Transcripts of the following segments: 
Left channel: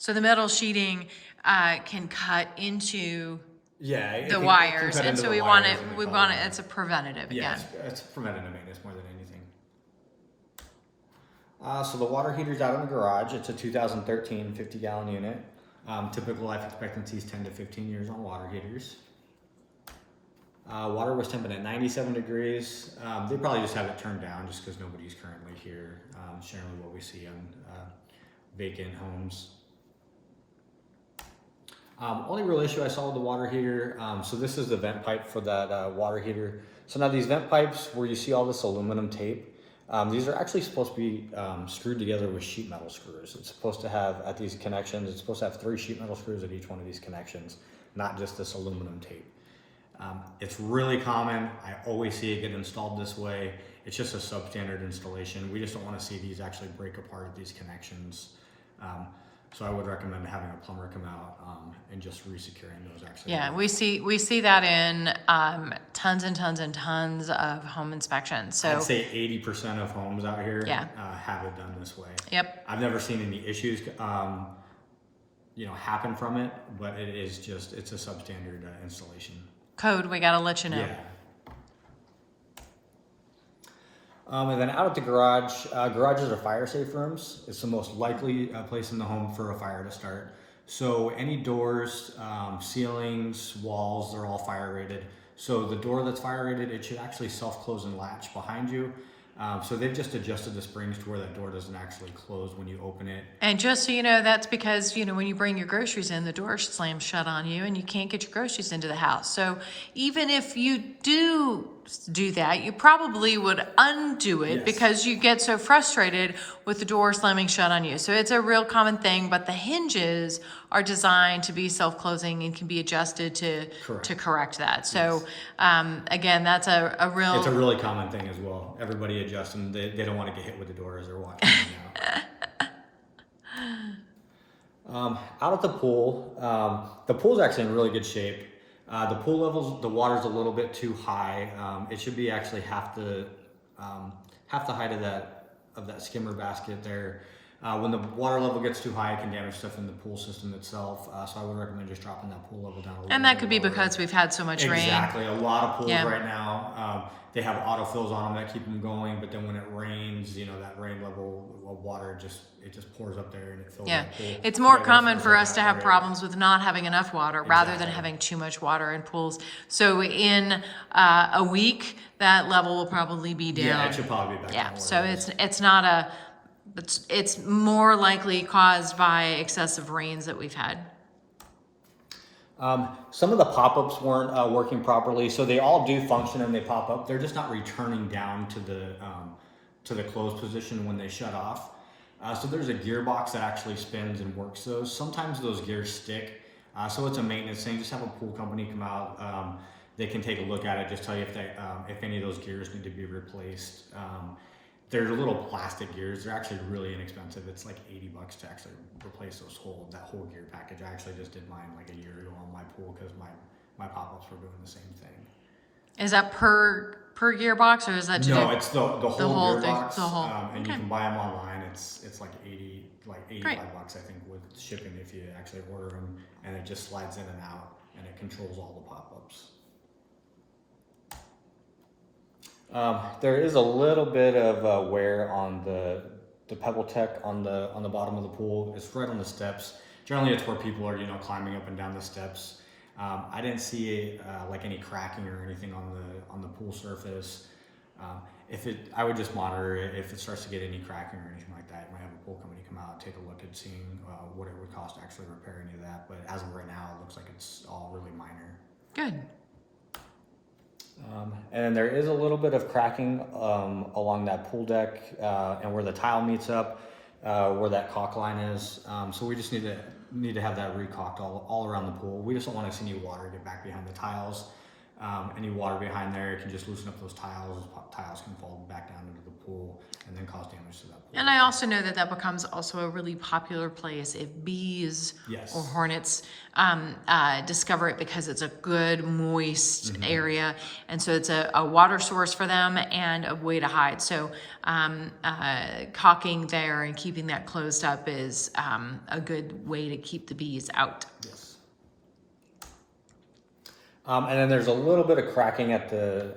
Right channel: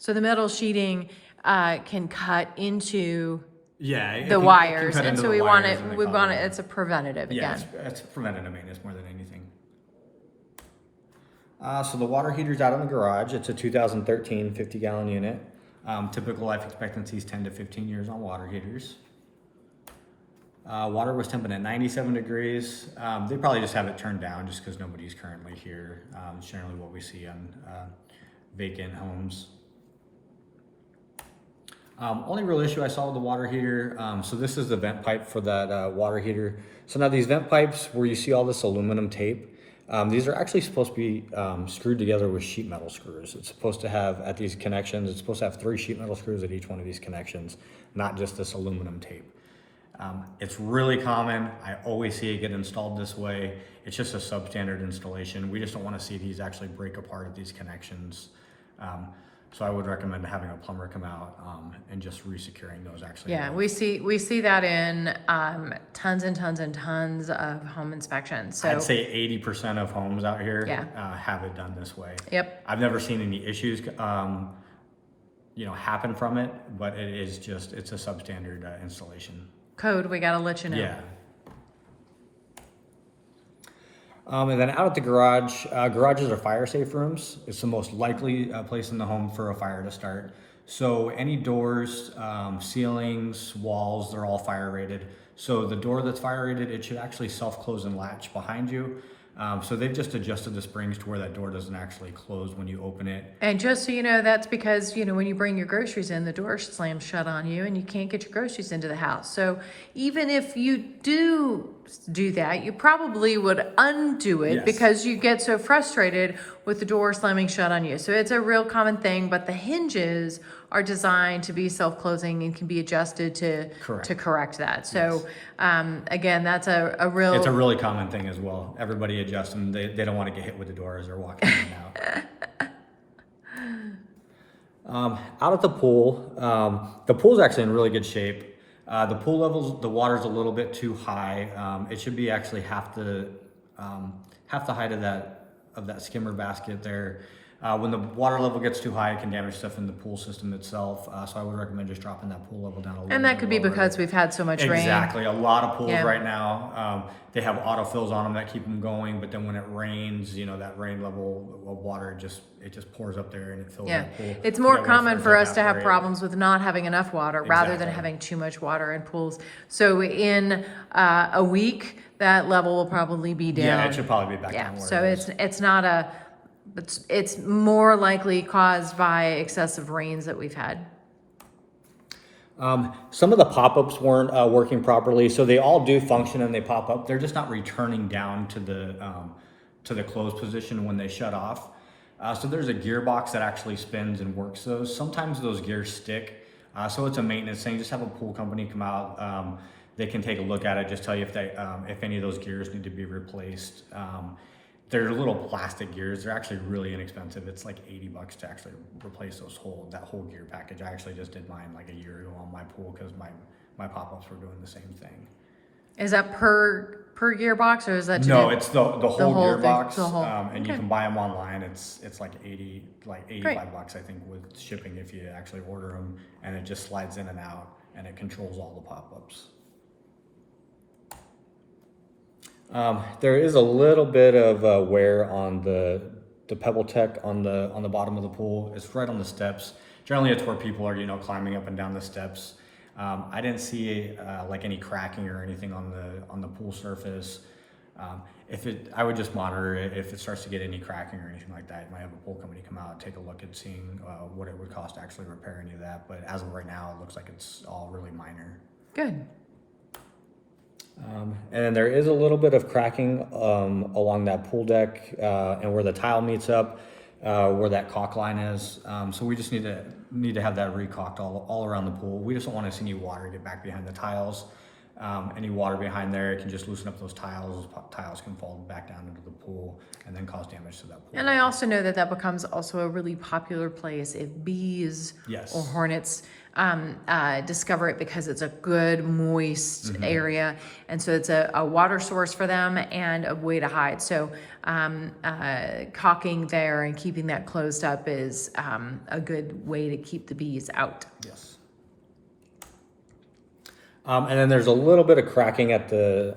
So the metal sheeting can cut into Yeah, the wires, and so we want it. It's a preventative Yeah, again. it's preventative maintenance more than anything. So the water heater's out in the garage. It's a 2013 50-gallon unit. Typical life expectancy is 10 to 15 years on water heaters. Water was temping at 97 degrees. They probably just have it turned down just because nobody's currently here. It's generally what we see on vacant homes. Only real issue I saw with the water heater, so this is the vent pipe for that water heater. So now these vent pipes where you see all this aluminum tape, these are actually supposed to be screwed together with sheet metal screws. It's supposed to have, at these connections, it's supposed to have 3 sheet metal screws at each one of these connections, not just this aluminum tape. It's really common. I always see it get installed this way. It's just a substandard installation. We just don't want to see these actually break apart at these connections. So I would recommend having a plumber come out and just resecuring those actually. Yeah, we see that in tons and tons and tons of home inspections. So I'd say 80% of homes out here Yeah. Have it done this way. Yep. I've never seen any issues happen from it, but it's a substandard installation. Code, we got to let you know. Yeah. And then out at the garage, garages are fire safe rooms. It's the most likely place in the home for a fire to start. So any doors, ceilings, walls, they're all fire rated. So the door that's fire rated, it should actually self-close and latch behind you. So they've just adjusted the springs to where that door doesn't actually close when you open it. And just so you know, that's because, when you bring your groceries in, the door slams shut on you and you can't get your groceries into the house. So even if you do that, you probably would undo it Yes. because you get so frustrated with the door slamming shut on you. So it's a real common thing, but the hinges are designed to be self-closing and can be adjusted to correct that. So again, that's a It's a real, really common thing as well. Everybody adjusts them. They don't want to get hit with the door as they're walking in and out. Out at the pool's actually in really good shape. The pool levels, the water's a little bit too high. It should be actually half the height of that skimmer basket there. When the water level gets too high, it can damage stuff in the pool system itself. So I would recommend just dropping that pool level down a little bit. and that could be because we've had so much rain. Exactly. A lot of pools Yeah. right now, they have autofills on them that keep them going, but then when it rains, that rain level of water it just pours up there and it fills Yeah, the pool. it's more So that common once for it us to have evaporates- problems with not having enough water rather than Exactly. having too much water in pools. So in a week, that level will probably be down. Yeah, it should probably be back Yeah, down where so it was. it's not it's more likely caused by excessive rains that we've had. Some of the pop-ups weren't working properly, so they all do function and they pop up. They're just not returning down to the closed position when they shut off. So there's a gearbox that actually spins and works those. Sometimes those gears stick, so it's a maintenance thing. Just have a pool company come out. They can take a look at it, just tell you if any of those gears need to be replaced. They're little plastic gears. They're actually really inexpensive. It's like $80 to actually replace that whole gear package. I actually just did mine like a year ago on my pool because my pop-ups were doing the same thing. Is that per gearbox or is that No, it's the whole whole thing, gearbox. the whole- And okay. you can buy them online. It's like $85 Great. I think with shipping if you actually order them, and it just slides in and out and it controls all the pop-ups. There is a little bit of wear on the Pebble Tech on the bottom of the pool. It's right on the steps. Generally, it's where people are climbing up and down the steps. I didn't see like any cracking or anything on the pool surface. I would just monitor it. If it starts to get any cracking or anything like that, you might have a pool company come out and take a look at seeing what it would cost to actually repair any of that. But as of right now, it looks like it's all really minor. Good. And there is a little bit of cracking along that pool deck and where the tile meets up, where that caulk line is. So we just need to have that recaulked all around the pool. We just don't want to see any water get back behind the tiles. any water behind there. It can just loosen up those tiles. Those tiles can fall back down into the pool and then cause damage to that pool. And I also know that that becomes also a really popular place if bees Yes. or hornets discover it, because it's a good moist area, and so it's a water source for them and a way to hide. So caulking there and keeping that closed up is a good way to keep the bees out. Yes. And then there's a little bit of cracking at the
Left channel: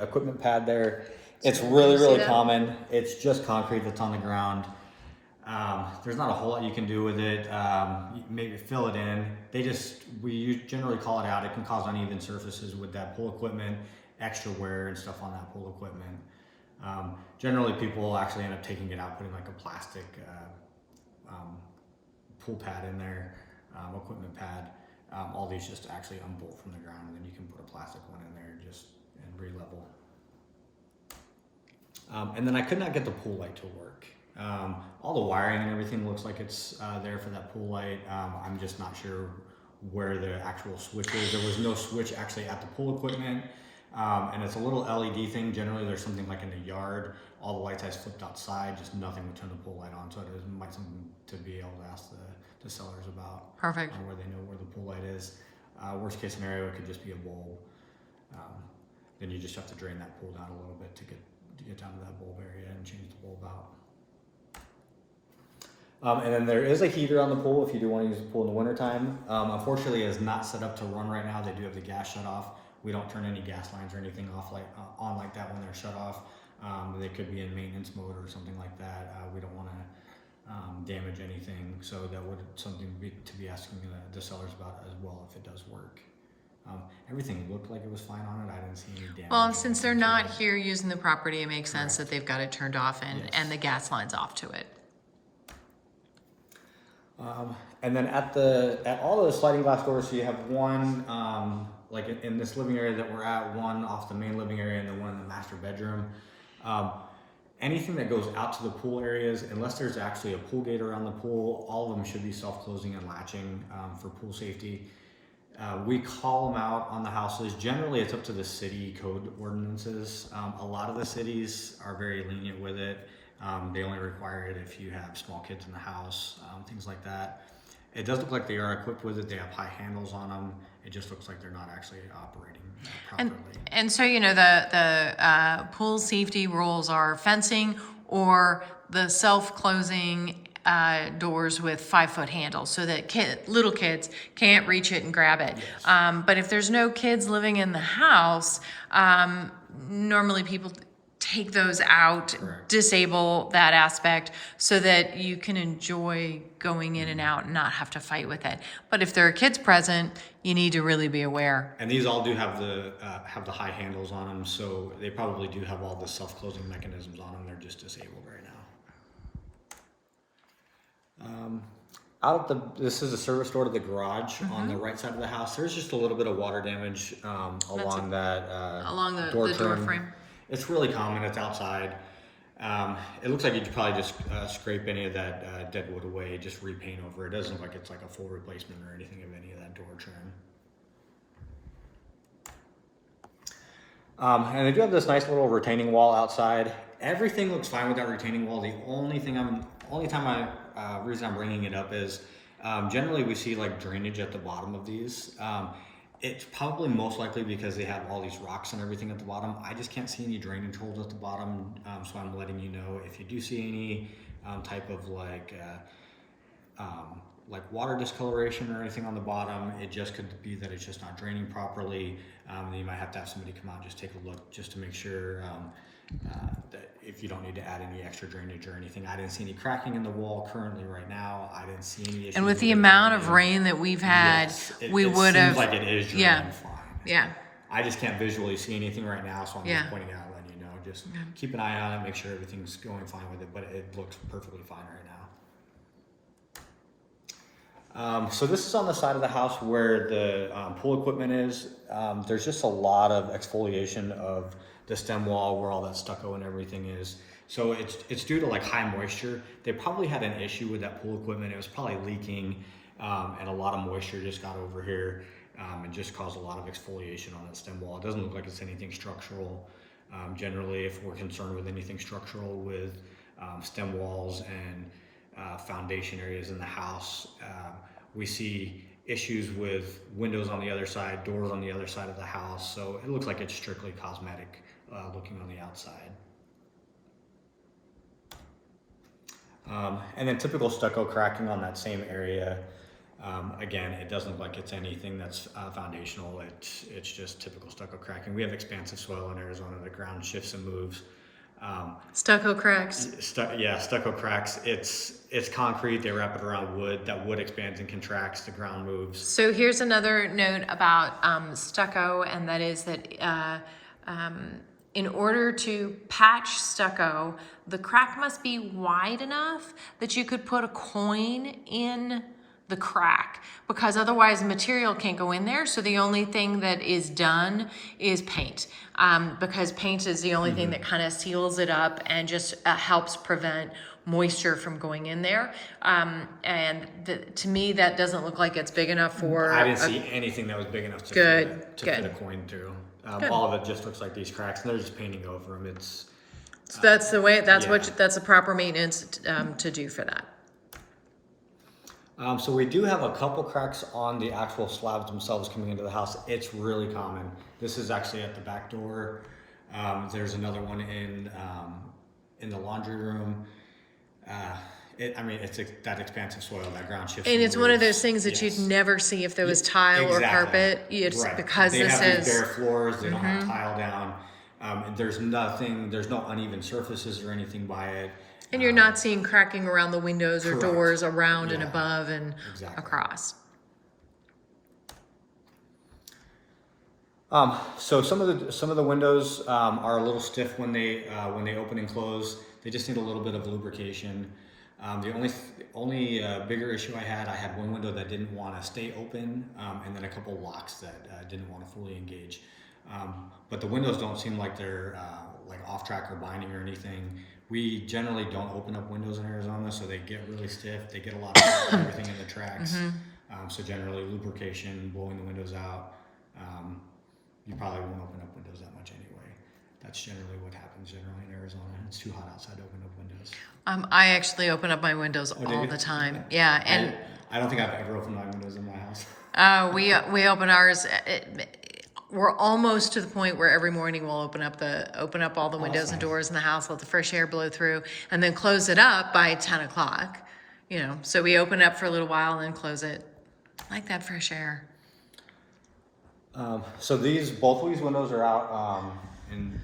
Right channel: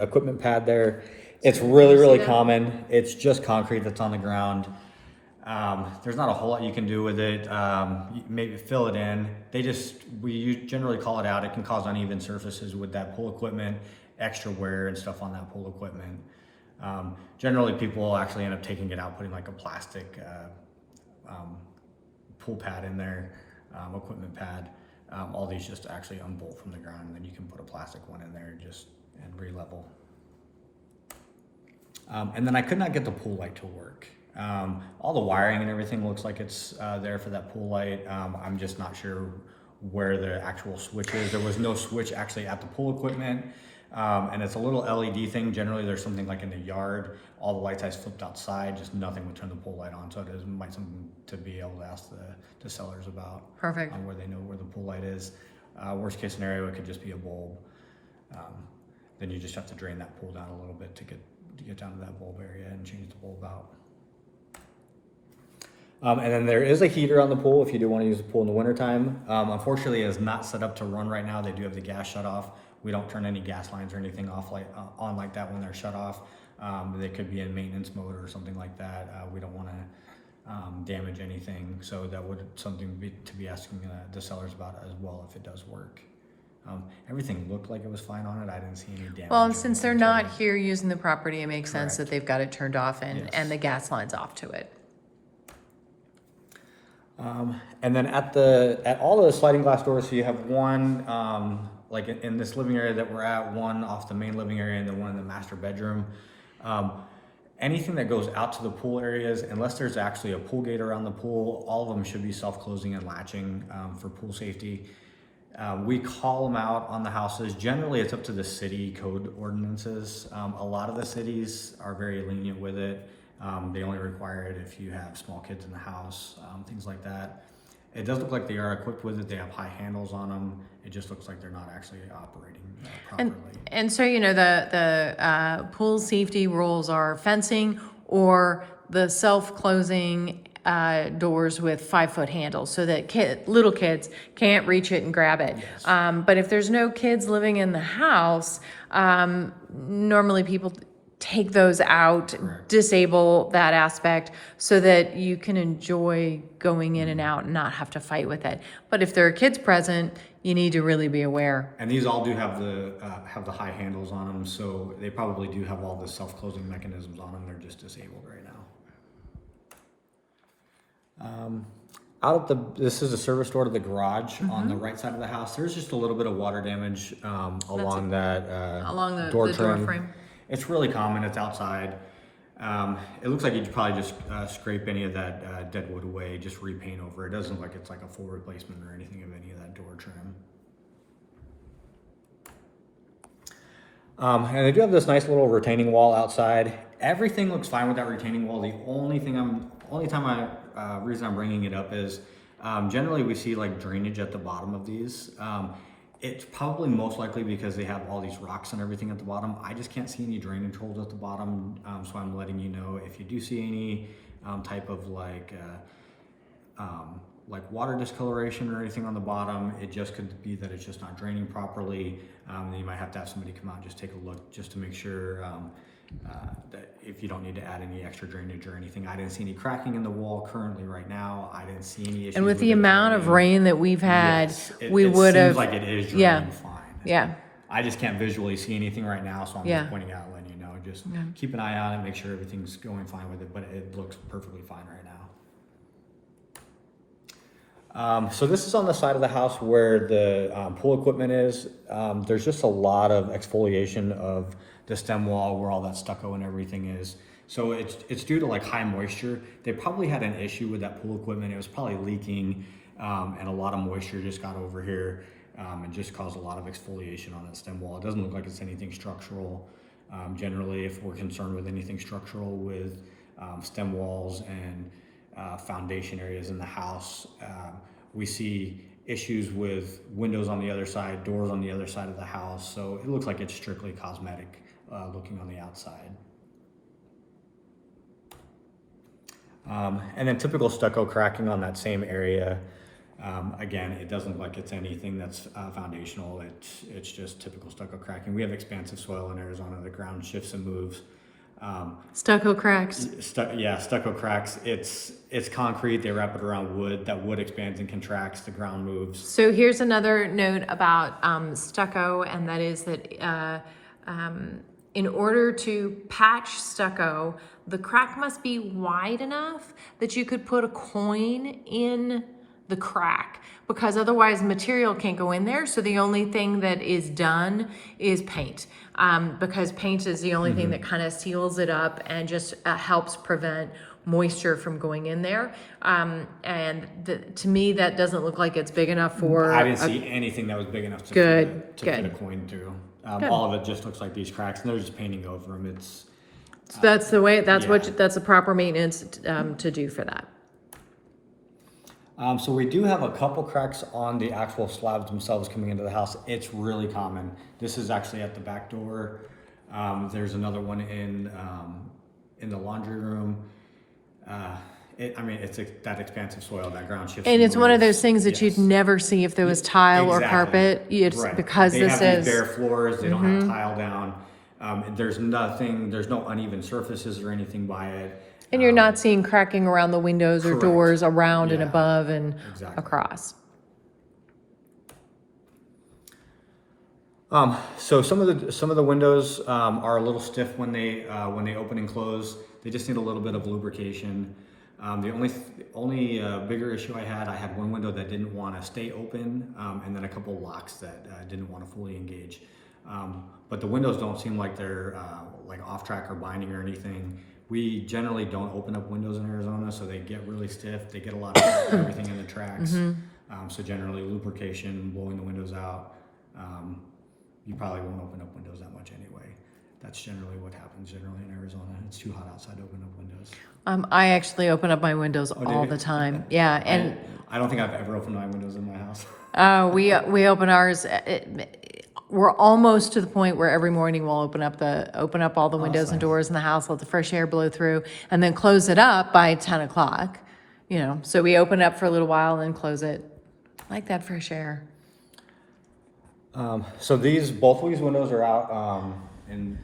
equipment pad there. It's really common. It's just concrete that's on the ground. There's not a whole lot you can do with it. Maybe fill it in. We generally call it out. It can cause uneven surfaces with that pool equipment, extra wear and stuff on that pool equipment. Generally, people will actually end up taking it out, putting like a plastic pool pad in there, equipment pad. All these just actually unbolt from the ground, and then you can put a plastic one in there and re-level. And then I could not get the pool light to work. All the wiring and everything looks like it's there for that pool light. I'm just not sure where the actual switch is. There was no switch actually at the pool equipment. And it's a little LED thing. Generally, there's something like in the yard. All the lights I flipped outside, just nothing would turn the pool light on. So it might something to be able to ask the sellers about. Perfect. Where they know where the pool light is. Worst case scenario, it could just be a bulb. Then you just have to drain that pool down a little bit to get down to that bulb area and change the bulb out. And then there is a heater on the pool if you do want to use the pool in the wintertime. Unfortunately, it is not set up to run right now. They do have the gas shut off. We don't turn any gas lines or anything off on like that when they're shut off. They could be in maintenance mode or something like that. We don't want to damage anything, so that would something to be asking the sellers about as well if it does work. Everything looked like it was fine on it. I didn't see any damage. Well, and since they're not here using the property, it makes sense that they've got it turned off and the gas line's off to it. And then at all the sliding glass doors, so you have one like in this living area that we're at, one off the main living area, and then one in the master bedroom. Anything that goes out to the pool areas, unless there's actually a pool gate around the pool, all of them should be self-closing and latching for pool safety. We call them out on the houses. Generally, it's up to the city code ordinances. A lot of the cities are very lenient with it. They only require it if you have small kids in the house, things like that. It does look like they are equipped with it. They have high handles on them. It just looks like they're not actually operating properly. And so, you know, the pool safety rules are fencing or the self-closing doors with 5-foot handles so that little kids can't reach it and grab it. Yes. But if there's no kids living in the house, normally people take those out, disable that aspect so that you can enjoy going in and out and not have to fight with it. But if there are kids present, you need to really be aware. And these all do have the high handles on them, so they probably do have all the self-closing mechanisms on them. They're just disabled right now. This is a service door to the garage on the right side of the house. There's just a little bit of water damage along the door frame. It's really common. It's outside. It looks like you could probably just scrape any of that dead wood away, just repaint over. It doesn't look like it's like a full replacement or anything of any of that door trim. And they do have this nice little retaining wall outside. Everything looks fine with that retaining wall. The reason I'm bringing it up is generally we see like drainage at the bottom of these. It's probably most likely because they have all these rocks and everything at the bottom. I just can't see any drainage holes at the bottom, so I'm letting you know if you do see any type of like water discoloration or anything on the bottom, it just could be that it's just not draining properly. Then you might have to have somebody come out and just take a look just to make sure that if you don't need to add any extra drainage or anything. I didn't see any cracking in the wall currently right now. I didn't see any issues. And with the amount of rain that we've had, we would have. It seems like it is draining fine. Yeah. I just can't visually see anything right now, so I'm just pointing out, letting you know. Just keep an eye on it, make sure everything's going fine with it, but it looks perfectly fine right now. So this is on the side of the house where the pool equipment is. There's just a lot of exfoliation of the stem wall where all that stucco and everything is. So it's due to like high moisture. They probably had an issue with that pool equipment. It was probably leaking and a lot of moisture just got over here. and just cause a lot of exfoliation on that stem wall. It doesn't look like it's anything structural. Generally, if we're concerned with anything structural with stem walls and foundation areas in the house, we see issues with windows on the other side, doors on the other side of the house. So it looks like it's strictly cosmetic looking on the outside. And then typical stucco cracking on that same area. Again, it doesn't look like it's anything that's foundational. It's just typical stucco cracking. We have expansive soil in Arizona. The ground shifts and moves. Stucco cracks. Stucco cracks. It's concrete. They wrap it around wood. That wood expands and contracts. The ground moves. So here's another note about stucco, and that is that in order to patch stucco, the crack must be wide enough that you could put a coin in the crack, because otherwise material can't go in there. So the only thing that is done is paint, because paint is the only thing that kind of seals it up and just helps prevent moisture from going in there. And to me, that doesn't look like it's big enough for. I didn't see anything that was big enough to fit a coin through. All of it just looks like these cracks, and they're just painting over them. So that's the way. That's that's the proper maintenance to do for that. So we do have a couple cracks on the actual slabs themselves coming into the house. It's really common. This is actually at the back door. There's another one in the laundry room. It's that expansive soil, that ground shifts. And it's one of those things that you'd never see if there was tile or carpet. It's right. Because they this have is these bare floors. They don't have tile down. There's no uneven surfaces or anything by it. And you're not seeing cracking around the windows or doors around and above and across. So some of the windows are a little stiff when they open and close. They just need a little bit of lubrication. The only bigger issue I had one window that didn't want to stay open, and then a couple locks that didn't want to fully engage. But the windows don't seem like they're like off track or binding or anything. We generally don't open up windows in Arizona, so they get really stiff. They get a lot of everything in the tracks. So generally lubrication, blowing the windows out. You probably won't open up windows that much anyway. That's generally what happens generally in Arizona. It's too hot outside to open up windows. I actually open up my windows all the time. Yeah, and I don't think I've ever opened my windows in my house. we open ours. We're almost to the point where every morning we'll open up all the windows and doors in the house, let the fresh air blow through, and then close it up by 10 o'clock. So we open up for a little while and then close it. I like that fresh air. So both of these windows are out in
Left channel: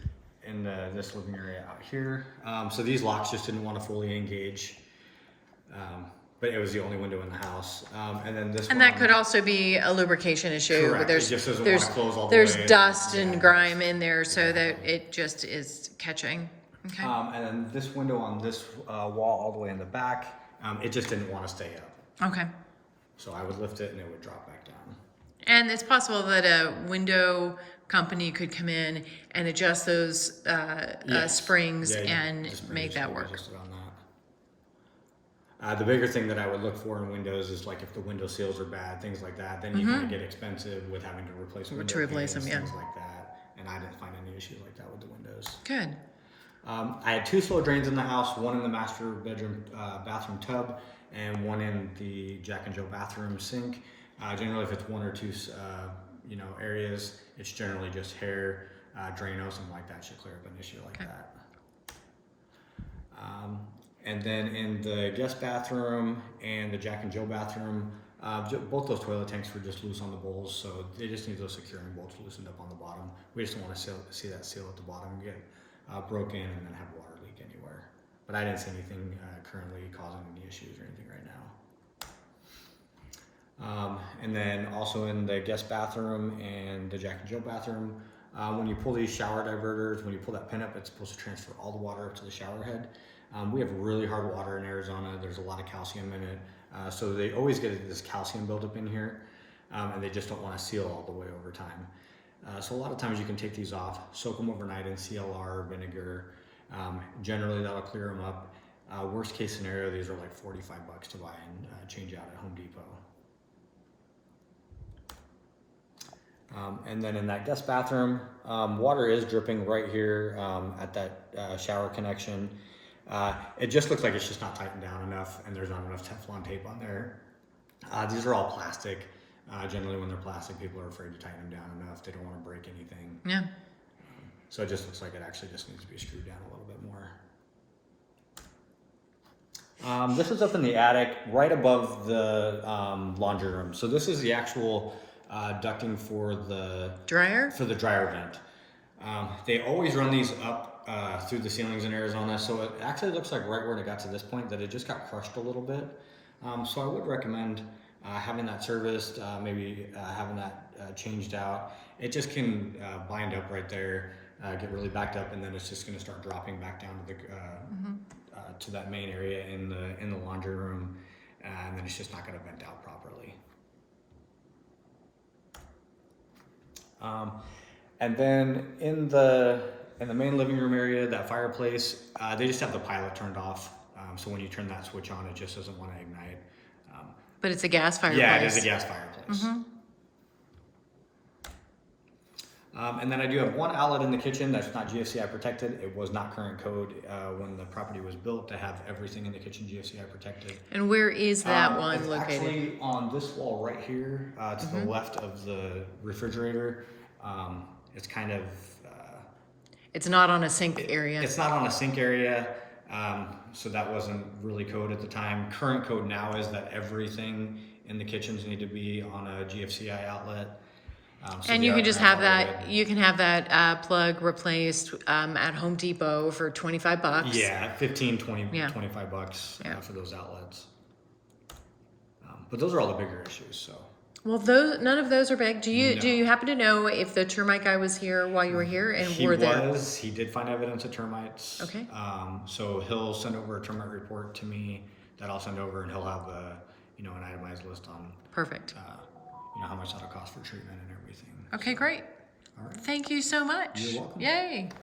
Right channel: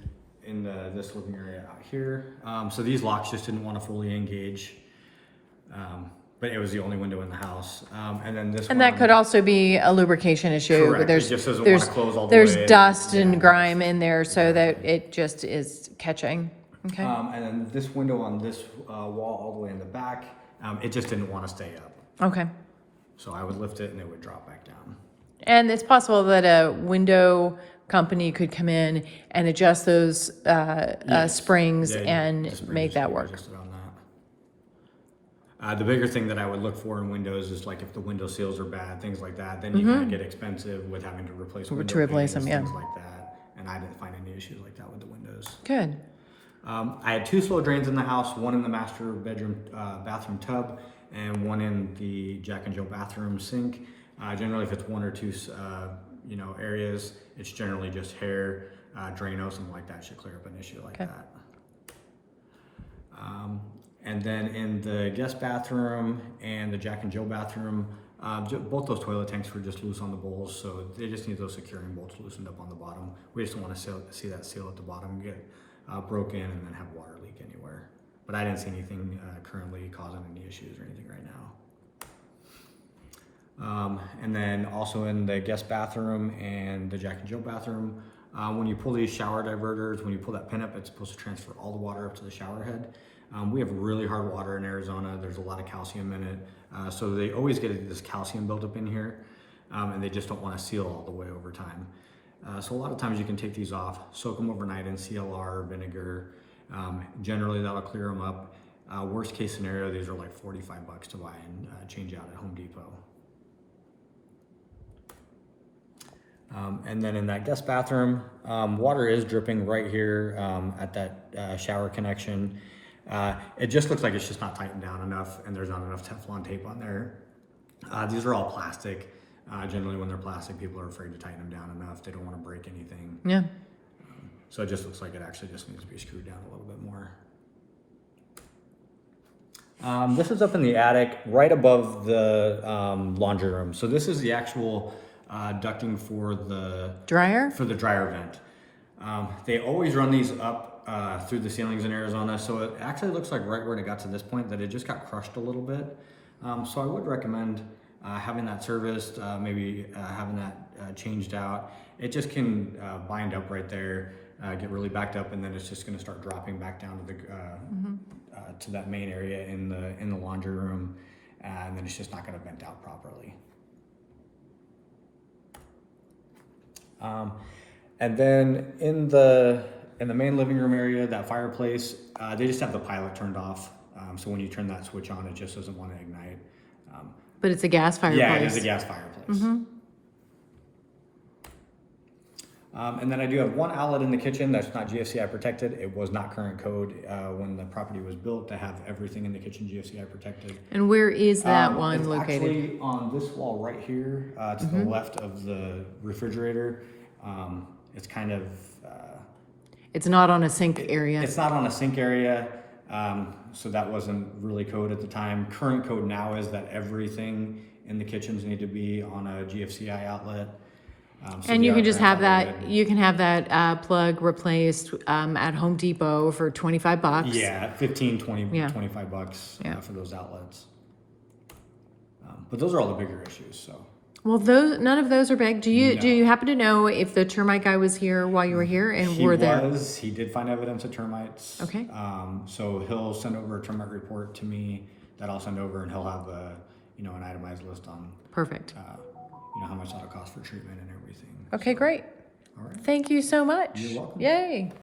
this living area out here. So these locks just didn't want to fully engage. But it was the only window in the house. And then this And that could also be a lubrication issue. Correct. It just doesn't want to close all the way. There's dust and grime in there, so that it just is catching. Okay. And then this window on this wall all the way in the back, it just didn't want to stay up. Okay. So I would lift it and it would drop back down. And it's possible that a window company could come in and adjust those springs and make that work. The bigger thing that I would look for in windows is like if the window seals are bad, things like that. Then you're going to get expensive with having to replace window panes, things like that. And I didn't find any issues like that with the windows. Good. I had 2 slow drains in the house, one in the master bedroom bathroom tub, and one in the Jack and Jill bathroom sink. Generally, if it's 1 or 2 areas, it's generally just hair, Drano, something like that should clear up an issue like that. And then in the guest bathroom and the Jack and Jill bathroom, both those toilet tanks were just loose on the bowls, so they just need those securing bolts loosened up on the bottom. We just don't want to see that seal at the bottom get broken and then have water leak anywhere. But I didn't see anything currently causing any issues or anything right now. And then also in the guest bathroom and the Jack and Jill bathroom, when you pull these shower diverters, when you pull that pin up, it's supposed to transfer all the water up to the shower head. We have really hard water in Arizona. There's a lot of calcium in it. So they always get this calcium buildup in here, and they just don't want to seal all the way over time. So a lot of times you can take these off, soak them overnight in CLR or vinegar. Generally that'll clear them up. Worst case scenario, these are like $45 to buy and change out at Home Depot. And then in that guest bathroom, water is dripping right here at that shower connection. It just looks like it's just not tightened down enough, and there's not enough Teflon tape on there. These are all plastic. Generally, when they're plastic, people are afraid to tighten them down enough. They don't want to break anything. Yeah. So it just looks like it actually just needs to be screwed down a little bit more. This is up in the attic, right above the laundry room. So this is the actual ducting for the Dryer? dryer vent. They always run these up through the ceilings in Arizona, so it actually looks like right when it got to this point that it just got crushed a little bit. So I would recommend having that serviced, maybe having that changed out. It just can bind up right there, get really backed up, and then it's just going to start dropping back down to the to that main area in the laundry room, and then it's just not going to vent out properly. And then in the main living room area, that fireplace, they just have the pilot turned off. So when you turn that switch on, it just doesn't want to ignite. But it's a gas fireplace. Yeah, it is a gas fireplace. And then I do have one outlet in the kitchen that's not GFCI protected. It was not current code when the property was built to have everything in the kitchen GFCI protected. And where is that one it's located? Actually on this wall right here to the left of the refrigerator. It's kind of... it's not on a sink area. It's not on a sink area, so that wasn't really code at the time. Current code now is that everything in the kitchens need to be on a GFCI outlet. So and you can just have that, grandfathered. you can have that plug replaced at Home Depot for $25. Yeah, 15, 20, Yeah. $25 for those outlets. But those are all the bigger issues, so. Well, none of those are big. Do you happen to know if the termite guy was here while you were here and He were there? was. He did find evidence of termites. Okay. So he'll send over a termite report to me that I'll send over, and he'll have an itemized list on Perfect. how much that'll cost for treatment and everything. Okay, great. All right. Thank you so much. You're welcome. Yay.